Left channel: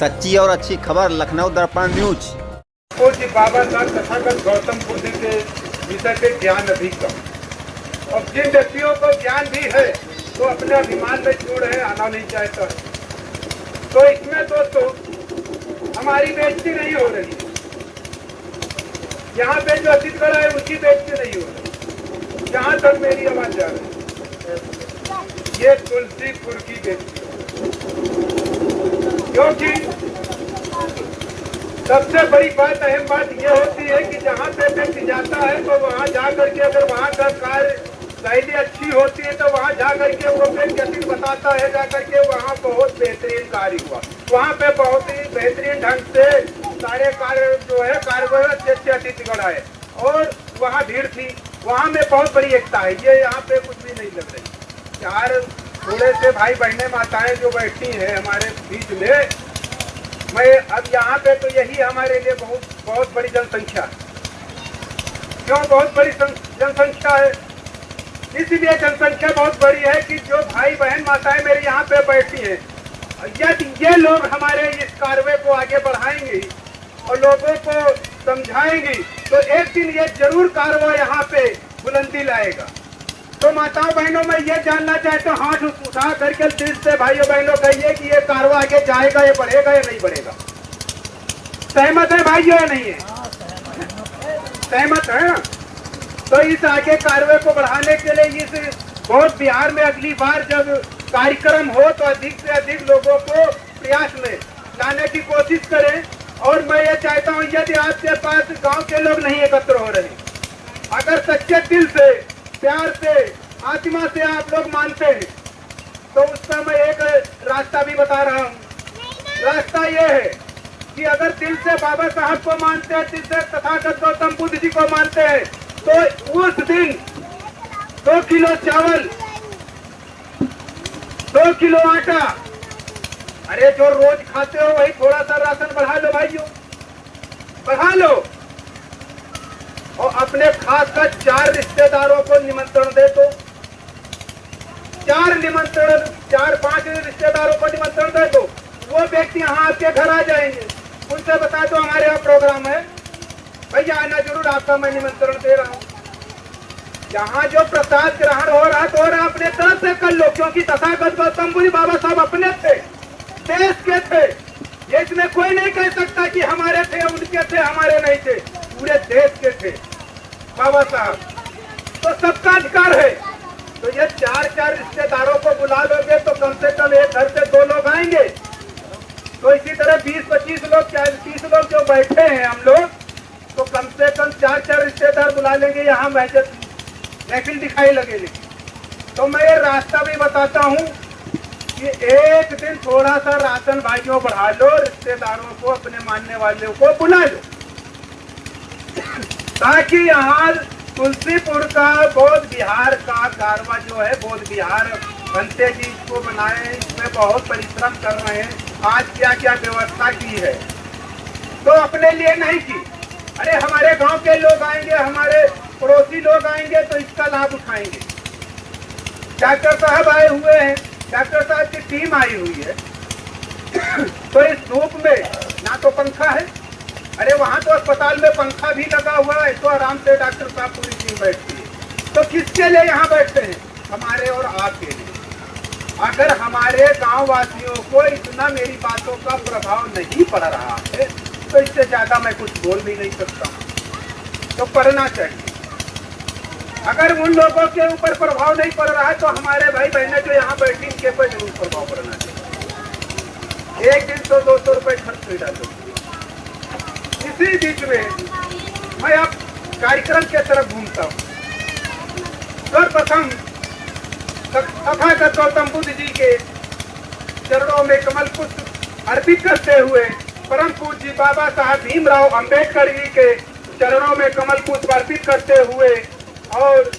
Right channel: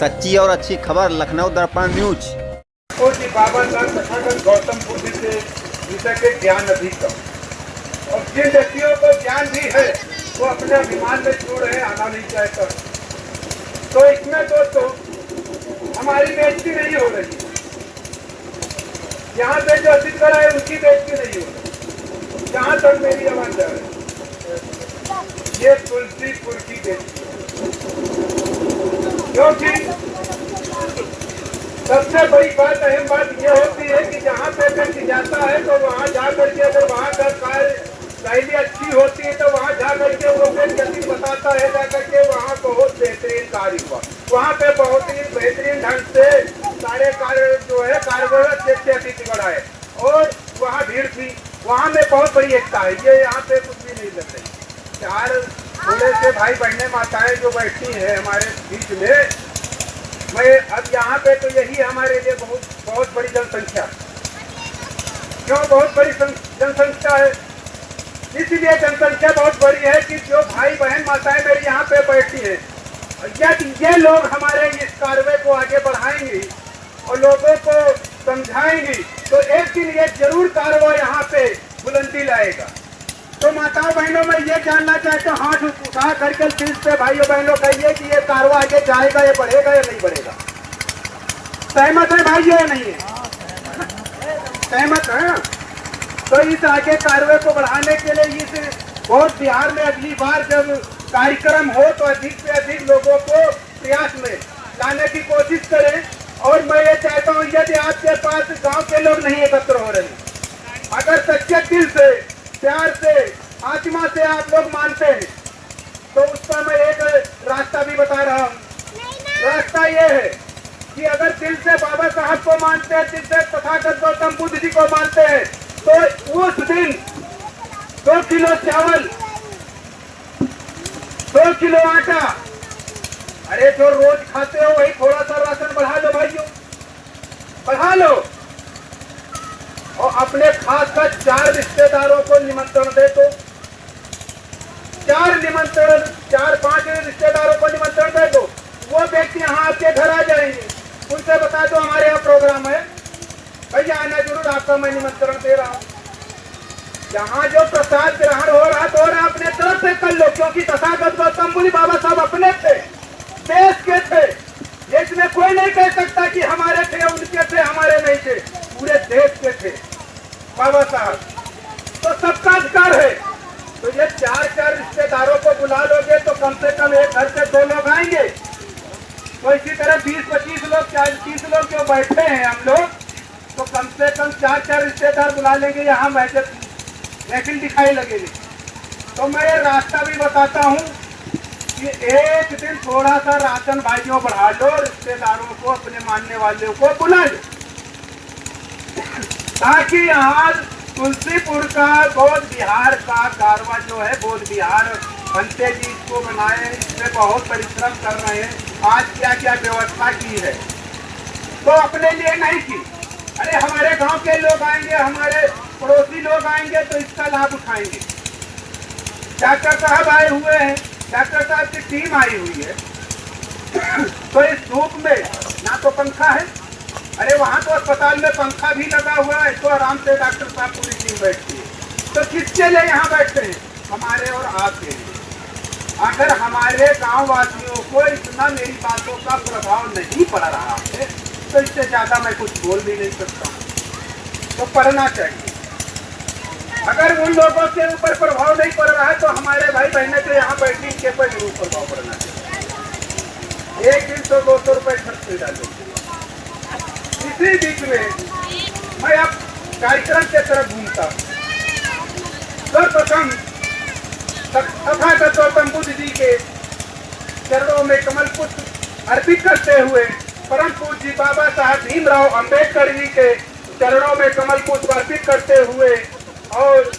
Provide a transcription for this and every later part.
सच्ची और अच्छी खबर लखनऊ दर्पण न्यूज। जी बाबा साहब तथागत गौतम बुद्ध के विषय पे ज्ञान अधिक कम, और जिन व्यक्तियों को ज्ञान भी है वो अपने अभिमान में छोड़ है, आना नहीं चाहता। तो इसमें तो हमारी बेइज्जती नहीं हो रही, यहाँ पे जो अधिक है उसकी बेइज्जती नहीं हो रही। जहाँ तक मेरी आवाज जा रही ये तुलसीपुर की बेइज्जती, क्योंकि सबसे बड़ी बात, अहम बात यह होती है कि जहाँ पे व्यक्ति जाता है तो वहाँ जा करके अगर वहाँ का कार्य शैली अच्छी होती है तो वहाँ जा करके वो व्यक्ति बताता है, जा करके वहाँ बहुत बेहतरीन कार्य हुआ, वहाँ पे बहुत ही बेहतरीन ढंग से सारे कार्य जो है कार्य से अधिक बढ़ाए, और वहाँ भीड़ थी, वहाँ में बहुत बड़ी एकता है। ये यहाँ पे कुछ भी नहीं लग रही। चार थोड़े से भाई बहने माताएं जो बैठी हैं हमारे बीच में, मैं अब यहाँ पे तो यही हमारे लिए बहुत बड़ी जनसंख्या, क्यों बहुत बड़ी जनसंख्या है, इसलिए जनसंख्या बहुत बड़ी है कि जो भाई बहन माताएं मेरी यहाँ पे बैठी है, यदि ये लोग हमारे इस कार्य को आगे बढ़ाएंगे और लोगों को समझाएंगे तो एक दिन ये जरूर कार्य यहाँ पे बुलंदी लाएगा। तो माताओं बहनों मैं ये जानना चाहता हूँ, हाथ उठा करके दिल से भाइयों बहनों कहिए कि ये कार्य आगे जाएगा, ये बढ़ेगा या नहीं बढ़ेगा। सहमत है भाइयों या नहीं है? सहमत है। तो इस आगे कार्य को बढ़ाने के लिए इस बहुत बिहार में अगली बार जब कार्यक्रम हो तो अधिक से अधिक लोगों को प्रयास में लाने की कोशिश करें। और मैं ये चाहता हूँ यदि आपके पास गांव के लोग नहीं एकत्र हो रहे, अगर सच्चे दिल से प्यार से आत्मा से आप लोग मानते हैं तो उसका मैं एक रास्ता भी बता रहा हूँ। रास्ता ये है कि अगर दिल से बाबा साहब को मानते हैं, दिल से तथागत गौतम बुद्ध जी को मानते हैं, तो उस दिन 2 किलो चावल, 2 किलो आटा, अरे जो रोज खाते हो वही थोड़ा सा राशन बढ़ा लो भाइयों, बढ़ा लो। और अपने खास कर 4 रिश्तेदारों को निमंत्रण दे दो, 4-5 रिश्तेदारों को निमंत्रण दे दो। वो व्यक्ति यहाँ आपके घर आ जाएंगे, उनसे बता दो हमारे यहाँ प्रोग्राम है, भैया आना जरूर, आपका मैं निमंत्रण दे रहा हूँ। यहाँ जो प्रसाद ग्रहण हो रहा तो अपने तरफ से कर लो, क्योंकि तथागत गौतम बुद्ध बाबा साहब अपने थे, देश के थे, इसमें कोई नहीं कह सकता कि हमारे थे, उनके थे, हमारे नहीं थे, पूरे देश के थे बाबा साहब। तो सबका अधिकार है। तो ये 4 रिश्तेदारों को बुला लोगे तो कम से कम एक घर से 2 लोग आएंगे। तो इसी तरह 20-25 लोग, 40-30 लोग जो बैठे हैं हम लोग, तो कम से कम 4 रिश्तेदार बुला लेंगे, यहाँ महफिल दिखाई लगेगी। तो मैं ये रास्ता भी बताता हूँ कि एक दिन थोड़ा सा राशन भाइयों बढ़ा लो, रिश्तेदारों को, अपने मानने वालों को बुला लो, ताकि यहाँ तुलसीपुर का बौद्ध बिहार का कारवा जो है, बौद्ध बिहार बनते जी इसको बनाए, इसमें बहुत परिश्रम कर रहे हैं। आज क्या क्या व्यवस्था की है तो अपने लिए नहीं की, अरे हमारे गांव के लोग आएंगे, हमारे पड़ोसी लोग आएंगे तो इसका लाभ उठाएंगे। डॉक्टर साहब आए हुए हैं, डॉक्टर साहब की टीम आई हुई है, तो इस धूप में ना तो पंखा है, अरे वहाँ तो अस्पताल में पंखा भी लगा हुआ है, तो आराम से डॉक्टर साहब पूरी टीम बैठती है। तो किसके लिए यहाँ बैठते हैं? हमारे और आपके लिए। अगर हमारे गांव वासियों को इतना मेरी बातों का प्रभाव नहीं पड़ रहा है तो इससे ज्यादा मैं कुछ बोल भी नहीं सकता हूँ। तो पढ़ना चाहिए। अगर उन लोगों के ऊपर प्रभाव नहीं पड़ रहा है तो हमारे भाई बहने जो यहाँ बैठी इनके ऊपर जरूर प्रभाव पड़ना चाहिए। 100-200 रुपए खर्च कर डालो। इसी बीच में मैं अब कार्यक्रम के तरफ घूमता हूँ। सर्वप्रथम तथागत गौतम बुद्ध जी के चरणों में कमल पुष्प अर्पित करते हुए, परम पूज्य बाबा साहब भीमराव अंबेडकर जी के चरणों में कमल पुष्प अर्पित करते हुए, और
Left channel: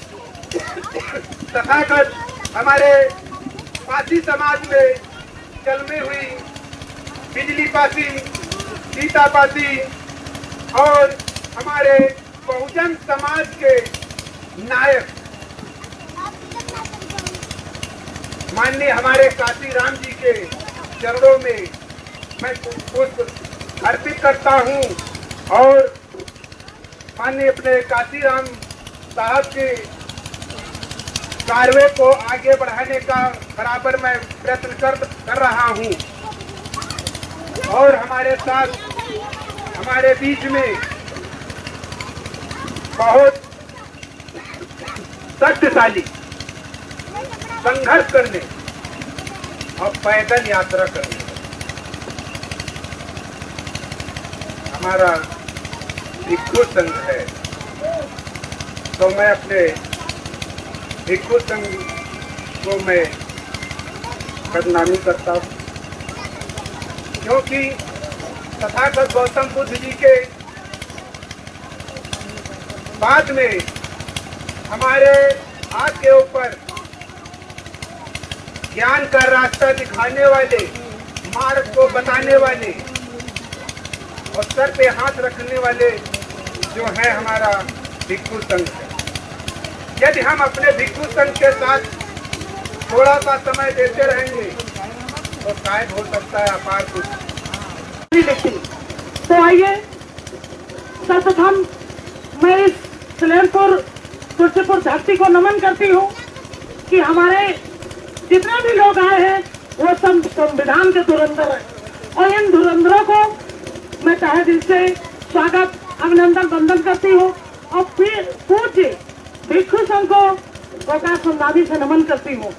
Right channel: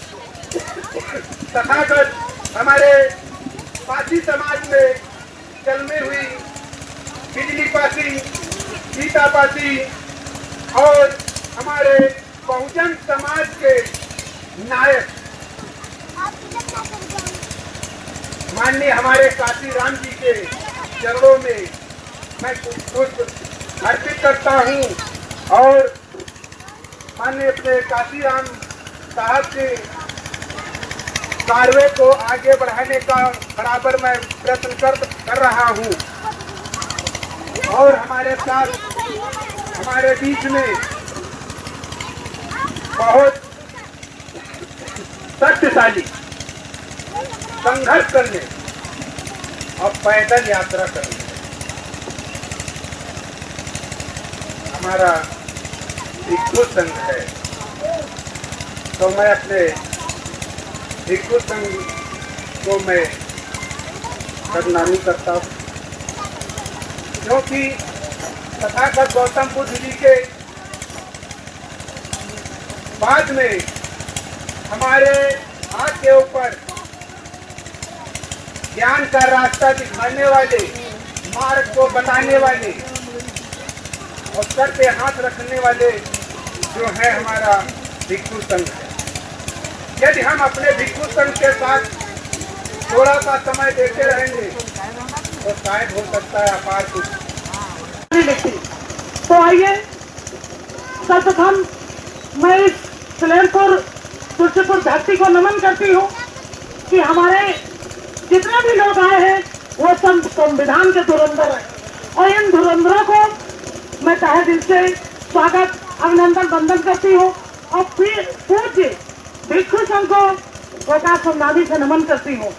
तथागत हमारे पासी समाज में जन्मी हुई बिजली पासी, गीता पासी, और हमारे बहुजन समाज के नायक माननीय हमारे काशी राम जी के चरणों में मैं पुष्प अर्पित करता हूँ और माननीय अपने काशीराम साहब के कार्यों को आगे बढ़ाने का बराबर मैं प्रयत्न कर रहा हूँ। और हमारे साथ हमारे बीच में बहुत शक्तिशाली संघर्ष करने और पैदल यात्रा करने हमारा भिक्षु संघ है। तो मैं अपने भिक्षु संघ को मैं बदनामी करता हूँ, क्योंकि तथागत गौतम बुद्ध जी के बाद में हमारे हाथ के ऊपर ज्ञान का रास्ता दिखाने वाले, मार्ग को बताने वाले और सर पे हाथ रखने वाले जो है हमारा भिक्षु संघ है। यदि हम अपने भिक्षु संघ के साथ थोड़ा सा समय देते रहेंगे तो शायद हो सकता है अपार कुछ। तो आइए सर्वप्रथम मैं इस सलेमपुर तुलसीपुर धरती को नमन करती हूँ कि हमारे जितने भी लोग आए हैं वो सब संविधान के धुरंधर हैं और इन धुरंधरों को मैं तहे दिल से स्वागत अभिनंदन वंदन करती हूँ और फिर पूज्य भिक्षु संघ को गोका सुनादी से नमन करती हूँ।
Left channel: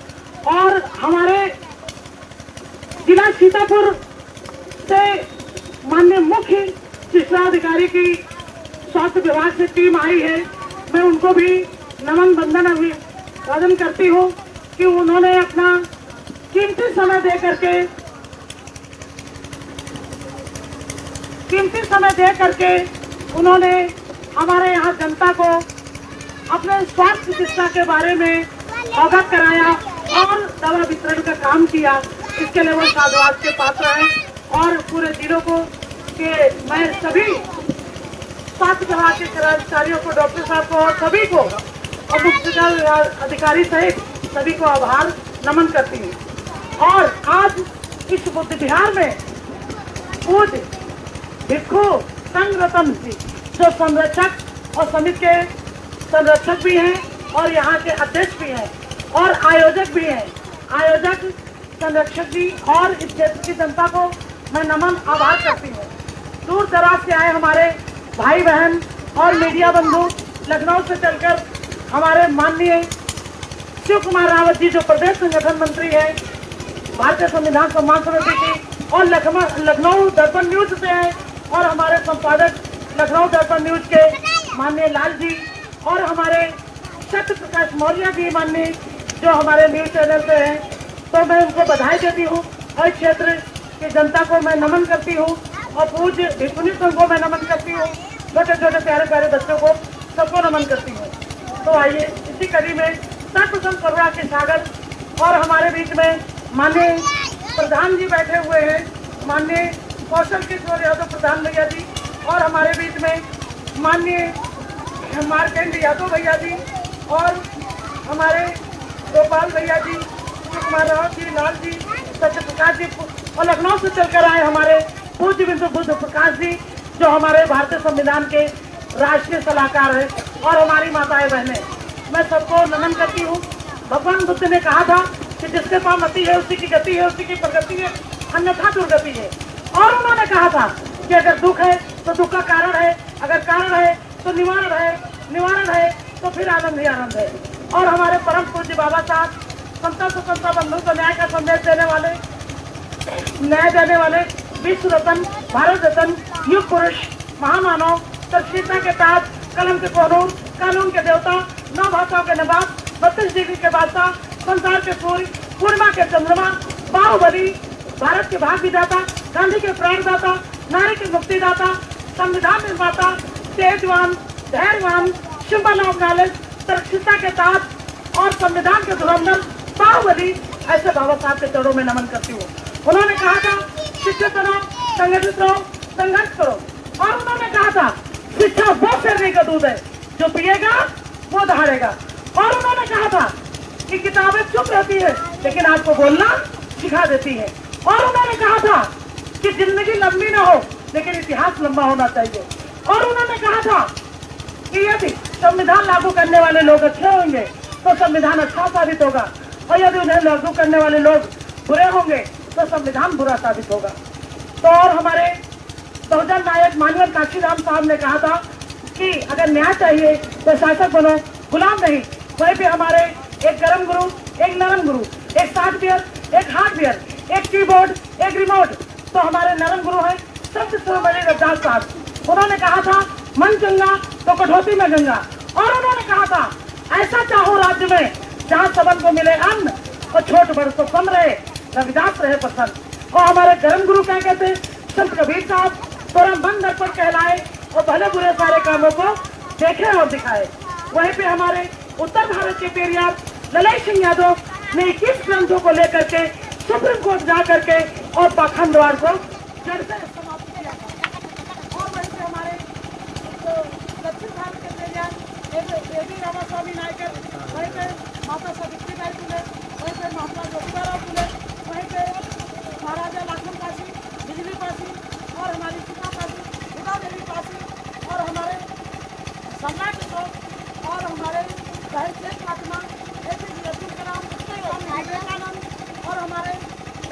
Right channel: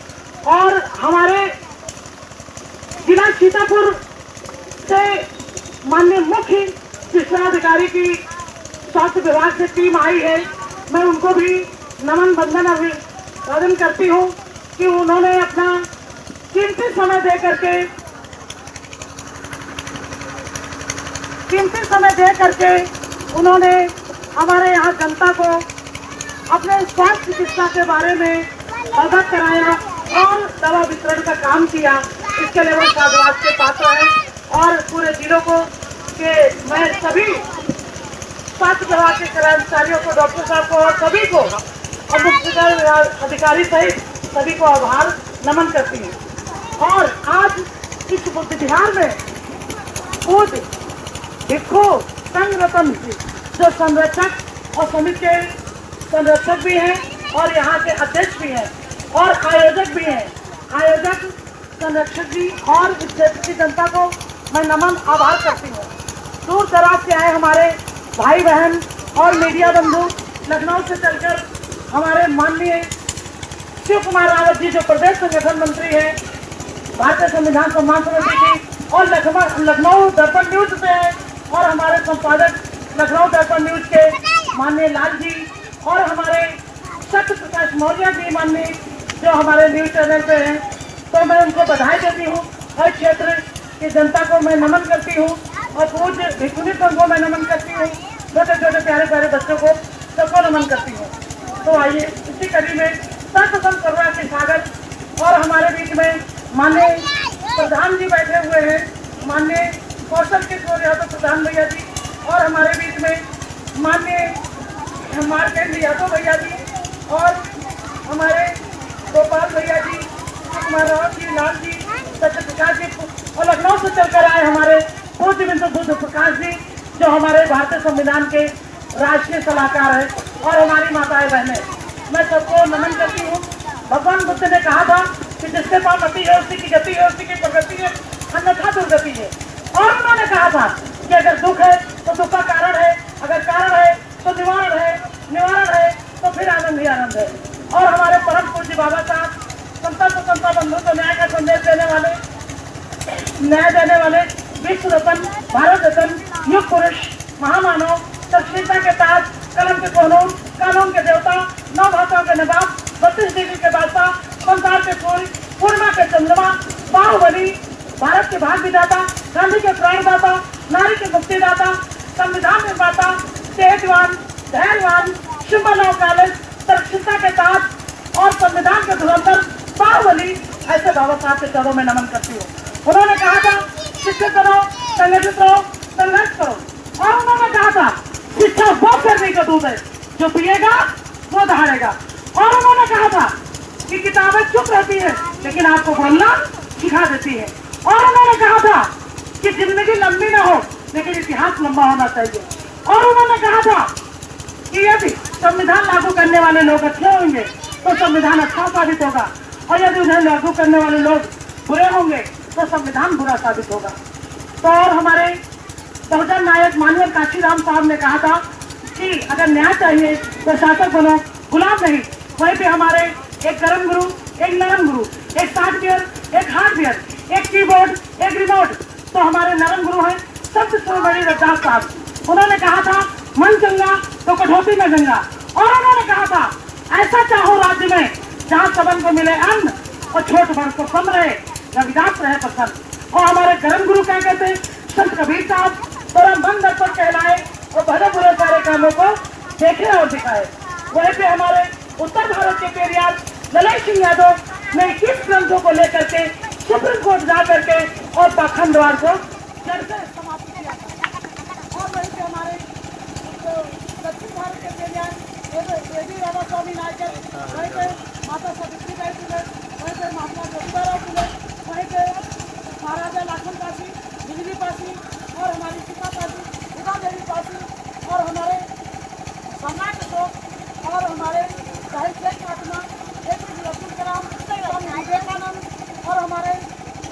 और हमारे जिला सीतापुर से माननीय मुख्य शिक्षा अधिकारी की स्वास्थ्य विभाग से टीम आई है, मैं उनको भी नमन वंदन अभिवादन करती हूँ कि उन्होंने अपना कीमती समय दे करके उन्होंने हमारे यहाँ जनता को अपने स्वास्थ्य चिकित्सा के बारे में अवगत कराया और दवा वितरण का काम किया। इसके लिए वो साधुवाद के पात्र हैं और पूरे जिलों को के मैं सभी स्वास्थ्य विभाग के कर्मचारियों को, डॉक्टर साहब को और सभी को और मुख्य अधिकारी सहित सभी को आभार नमन करती हूँ। और आज इस बुद्ध विहार में पूज्य भिक्षु संघ रतन जी जो संरक्षक और समिति के संरक्षक भी हैं और यहाँ के अध्यक्ष भी हैं और आयोजक भी हैं, आयोजक संरक्षक जी और इस क्षेत्र की जनता को मैं नमन आभार करती हूँ। दूर दराज से आए हमारे भाई बहन और मीडिया बंधु, लखनऊ से चलकर हमारे माननीय शिव कुमार रावत जी जो प्रदेश संगठन मंत्री है भारतीय संविधान सम्मान समिति की, और लखनऊ दर्पण न्यूज से है और हमारे संपादक लखनऊ दर्पण न्यूज के माननीय लाल जी और हमारे सत्य प्रकाश मौर्य जी माननीय जो हमारे न्यूज चैनल पे हैं। तो मैं उनको बधाई देती हूँ। हर क्षेत्र की जनता को मैं नमन करती हूँ और पूज्य भिक्षुनी संघ को मैं नमन करती हूँ, छोटे छोटे प्यारे प्यारे बच्चों को सबको नमन करती हूँ। तो आइए इसी कड़ी में सर्वप्रथम परिवार के सागर और हमारे बीच में माननीय प्रधान जी बैठे हुए हैं, माननीय कौशल किशोर यादव प्रधान भैया जी और हमारे बीच में माननीय मार्केंड यादव भैया जी और हमारे गोपाल भैया जी, कुमार रावत जी, लाल जी, सत्य प्रकाश जी और लखनऊ से चलकर आए हमारे पूज्य बिंदु बुद्ध प्रकाश जी जो हमारे भारतीय संविधान के राष्ट्रीय सलाहकार है और हमारी माताएं बहनें, मैं सबको नमन करती हूँ। भगवान बुद्ध ने कहा था कि जिसके पास मति है उसी की गति है, उसी की प्रगति है, अन्यथा दुर्गति है। और उन्होंने कहा था कि अगर दुख है तो दुख का कारण है, अगर कारण है तो निवारण है, निवारण है तो फिर आनंद ही आनंद है। और हमारे परम पूज्य बाबा साहब समता स्वतंत्रता बंधु को न्याय का संदेश देने वाले विश्व रत्न, भारत रत्न, युग पुरुष, महामानव, तस्वीरता के ताज, कलम के कोनूर, कानून के देवता, 9 भाषाओं के नवाब, 32 डिग्री के बादशाह, संसार के सूर्य, पूर्णिमा के चंद्रमा, बाहुबली, भारत के भाग्य विधाता, गांधी के प्राणदाता, नारी के मुक्तिदाता, संविधान निर्माता, तेजवान, धैर्यवान, सिंबल ऑफ नॉलेज, सुरक्षिता के ताज और संविधान के धुरंधर बाहुबली, ऐसे बाबा साहब के चरणों में नमन करती हूँ। उन्होंने कहा था शिक्षित करो, संगठित रहो, संघर्ष करो। और उन्होंने कहा था शिक्षा वो सर्दी का दूध है, जो पिएगा वो दहाड़ेगा। और उन्होंने कहा था कि किताबें चुप रहती है लेकिन आपको बोलना सिखा देती है। और उन्होंने कहा था कि जिंदगी लंबी ना हो लेकिन इतिहास लंबा होना चाहिए। और उन्होंने कहा था कि यदि संविधान लागू करने वाले लोग अच्छे होंगे तो संविधान अच्छा साबित होगा, और यदि उन्हें लागू करने वाले लोग बुरे होंगे तो संविधान बुरा साबित होगा। तो और हमारे बहुजन नायक माननीय काशीराम साहब ने कहा था कि अगर न्याय चाहिए तो शासक बनो, गुलाम नहीं। वहीं पे हमारे एक गरम गुरु, एक नरम गुरु, एक सॉफ्टवेयर, एक हार्डवेयर, एक कीबोर्ड, एक रिमोट। तो हमारे नरम गुरु हैं संत शिरोमणि रविदास साहब। उन्होंने कहा था मन चंगा तो कठौती में गंगा। और उन्होंने कहा था ऐसा चाहो राज्य में जहाँ सबन को मिले अन्न और छोट बड़ को कम रहे, रविदास रहे प्रसन्न। और हमारे गरम गुरु क्या कहते, संत कबीर साहब, तेरा मन दर्पण कहलाए और भले बुरे सारे कामों को देखे और दिखाए। वहीं पे हमारे उत्तर भारत के पेरियार ललित सिंह यादव ने 21 ग्रंथों को लेकर के सुप्रीम कोर्ट जा करके और पाखंड द्वार को जड़ से समाप्त किया। और वहीं पे हमारे दक्षिण भारत के पेरियार देवी रामा स्वामी नायकर, वहीं पे माता सावित्रीबाई फुले, वहीं पे महात्मा ज्योतिबा फुले, वहीं पे महाराजा लक्ष्मण पासी, बिजली पासी, और हमारी सीता पासी, सीता देवी पासी, और हमारे सम्राट अशोक, और हमारे साहित्य महात्मा APJ अब्दुल कलाम, स्वामी विवेकानंद, और हमारे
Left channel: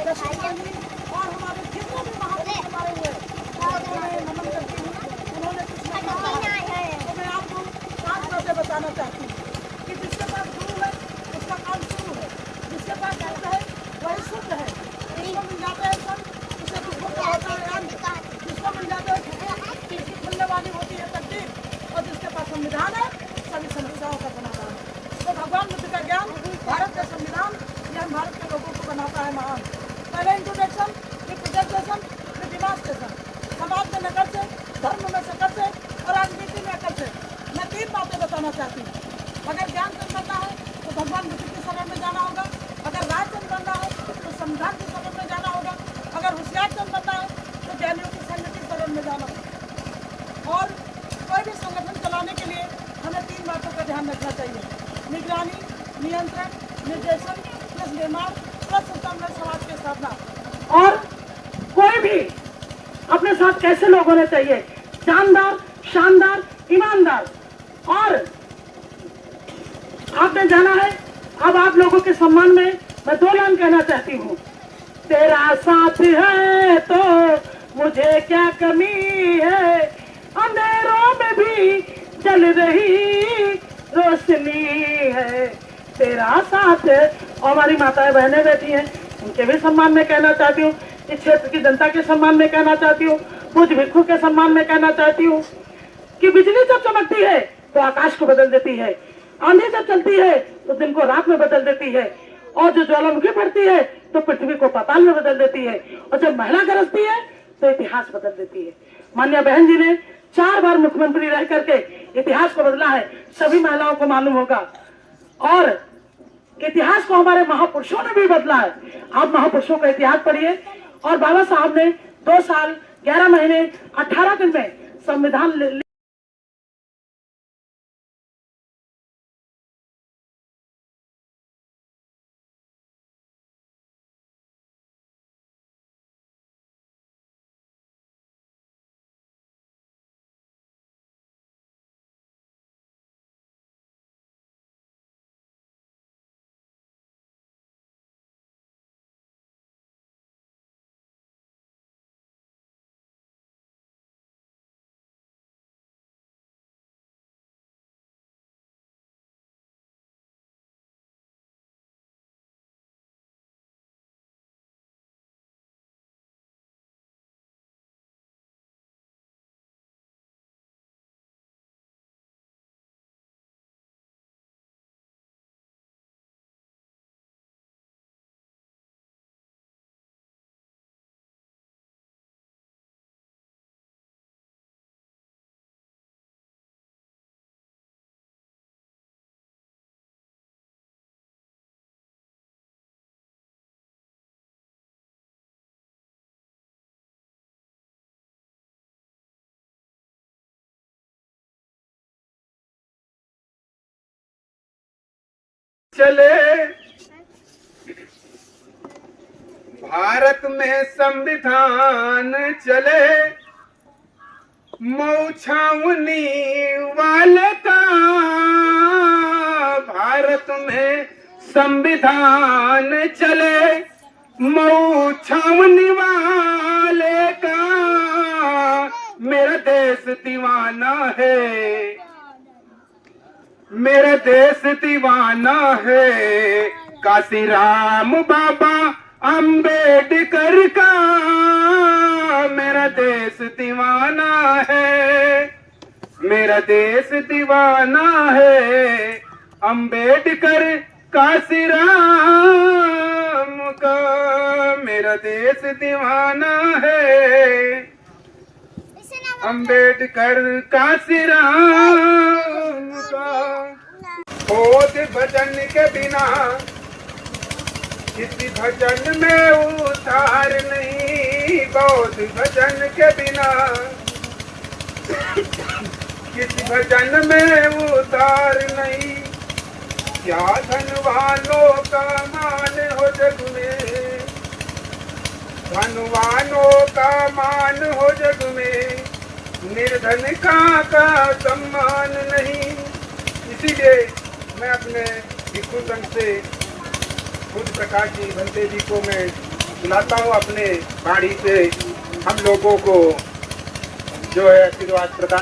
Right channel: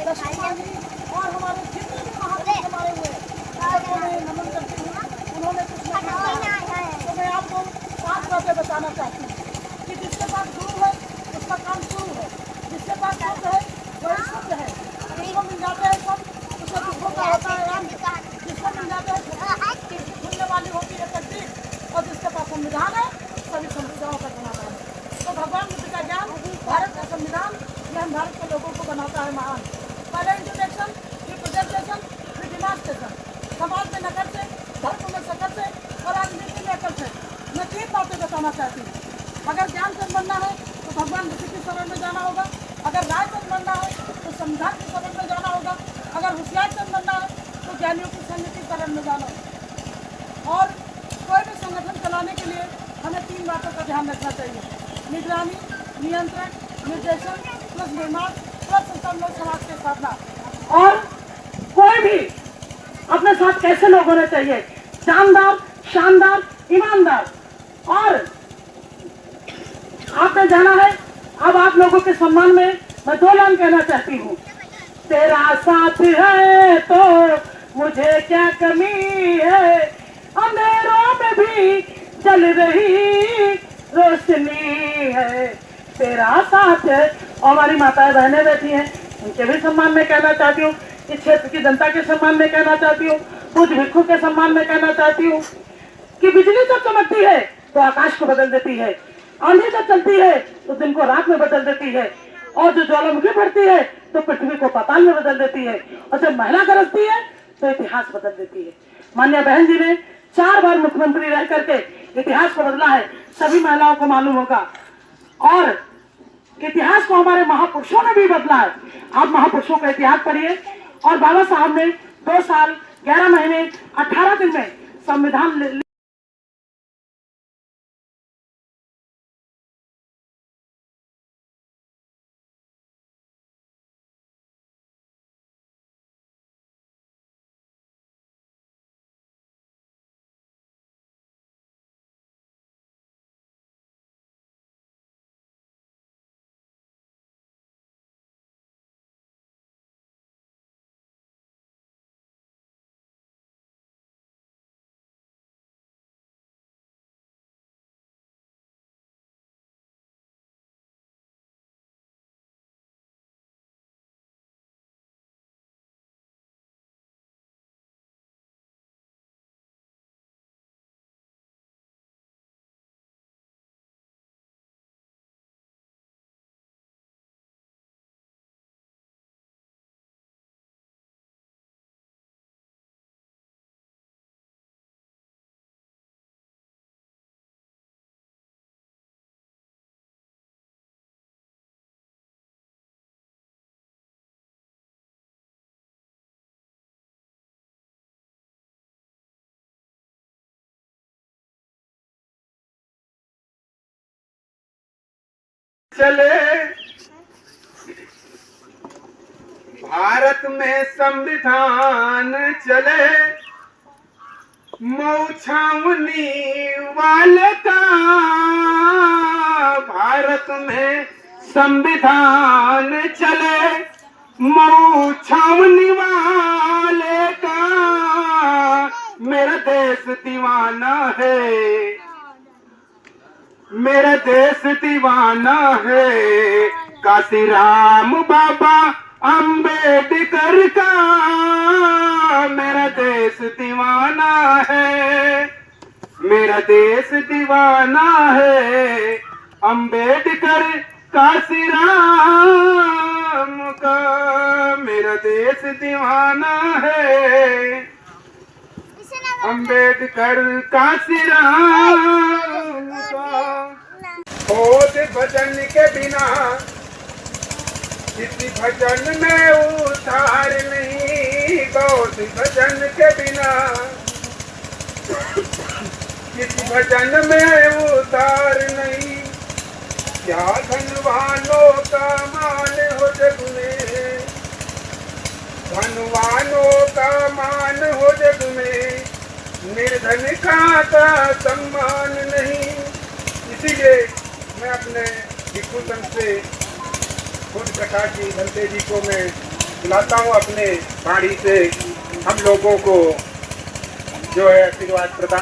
दक्षिण गांधी, और हमारे जितने भी महात्मा हमारे हुए उन्होंने नमन करती हूँ। उन्होंने कुछ नहीं कहा तो मैं आपको 5 बातें बताना चाहती हूँ कि जिसके पास गुरु है उसका काम शुरू है, जिसके पास शुद्ध है वही शुद्ध है, जिसको मिल जाते हैं सब उसे दुखों का होता है अंत, जिसको मिल जाते हैं खुलने वाली होती है तकदीर, और जिसके पास संविधान है सभी संविधानों का बनाना है। तो भगवान बुद्ध का ज्ञान, भारत का संविधान, यह हम भारत के लोगों को बनाता है महान। पहले इंट्रोडक्शन, फिर प्रेजेंटेशन, फिर डिमांस्ट्रेशन। समाज में नकल से, धर्म में सकल से, और राजनीति में अकल से। मैं 3 बातें बताना चाहती हूँ। अगर ज्ञानचंद बनना है तो भगवान बुद्ध की शरण में जाना होगा, अगर रायचंद बनना है तो संविधान की शरण में जाना होगा, अगर होशियारचंद बनना है तो ज्ञानियों की संघ की शरण में जाना होगा। और कोई भी संगठन चलाने के लिए हमें 3 बातों का ध्यान रखना चाहिए: निगरानी, नियंत्रण, निर्देशन, प्लस निर्माण, प्लस सुसंगत समाज की स्थापना। और कोई भी अपने साथ कैसे लोग होने चाहिए, जानदार, शानदार, ईमानदार। और आपने जाना है, अब आप लोगों के सम्मान में मैं 2 लाइन कहना चाहती हूँ। तेरा साथ है तो मुझे क्या कमी है, अंधेरों में भी जल रही रोशनी है। तेरा साथ है। और हमारी माताएं बहनें बैठी हैं, इनके भी सम्मान में कहना चाहती हूँ, इस क्षेत्र की जनता के सम्मान में कहना चाहती हूँ, कुछ भिक्षु के सम्मान में कहना चाहती हूँ कि बिजली जब चमकती है तो आकाश को बदल देती है, आंधी जब चलती है तो दिन को रात में बदल देती है, और जो ज्वालामुखी बढ़ती है तो पृथ्वी को पाताल में बदल देती है, और जब महिला गरजती है तो इतिहास बदल देती है। माननीय बहन जी ने 4 बार मुख्यमंत्री रह करके इतिहास को बदला है, सभी महिलाओं को मालूम होगा। और इतिहास को हमारे महापुरुषों ने भी बदला है। आप महापुरुषों का इतिहास पढ़िए। और बाबा साहब ने 2 साल 11 महीने 18 दिन में संविधान चले भारत में संविधान चले मऊ छावनी वाले का, भारत में संविधान चले मऊ छावनी वाले का, मेरा देश दीवाना है, मेरा देश दीवाना है, काशी राम बाबा अंबेडकर का, मेरा देश दीवाना है, मेरा देश दीवाना है, अंबेडकर काशी राम का, मेरा देश दीवाना है, अंबेडकर काशी राम का। खोज भजन के बिना किसी भजन में उतार नहीं, खोज भजन के बिना किसी भजन में उतार नहीं, क्या धनवानों का मान हो जग में, धनवानों का मान हो जग में, निर्धन का सम्मान नहीं। इसीलिए मैं अपने भिक्षु संघ से खुद प्रकाश जी भंते जी को मैं बुलाता हूँ, अपने गाड़ी से हम लोगों को जो है आशीर्वाद प्रदान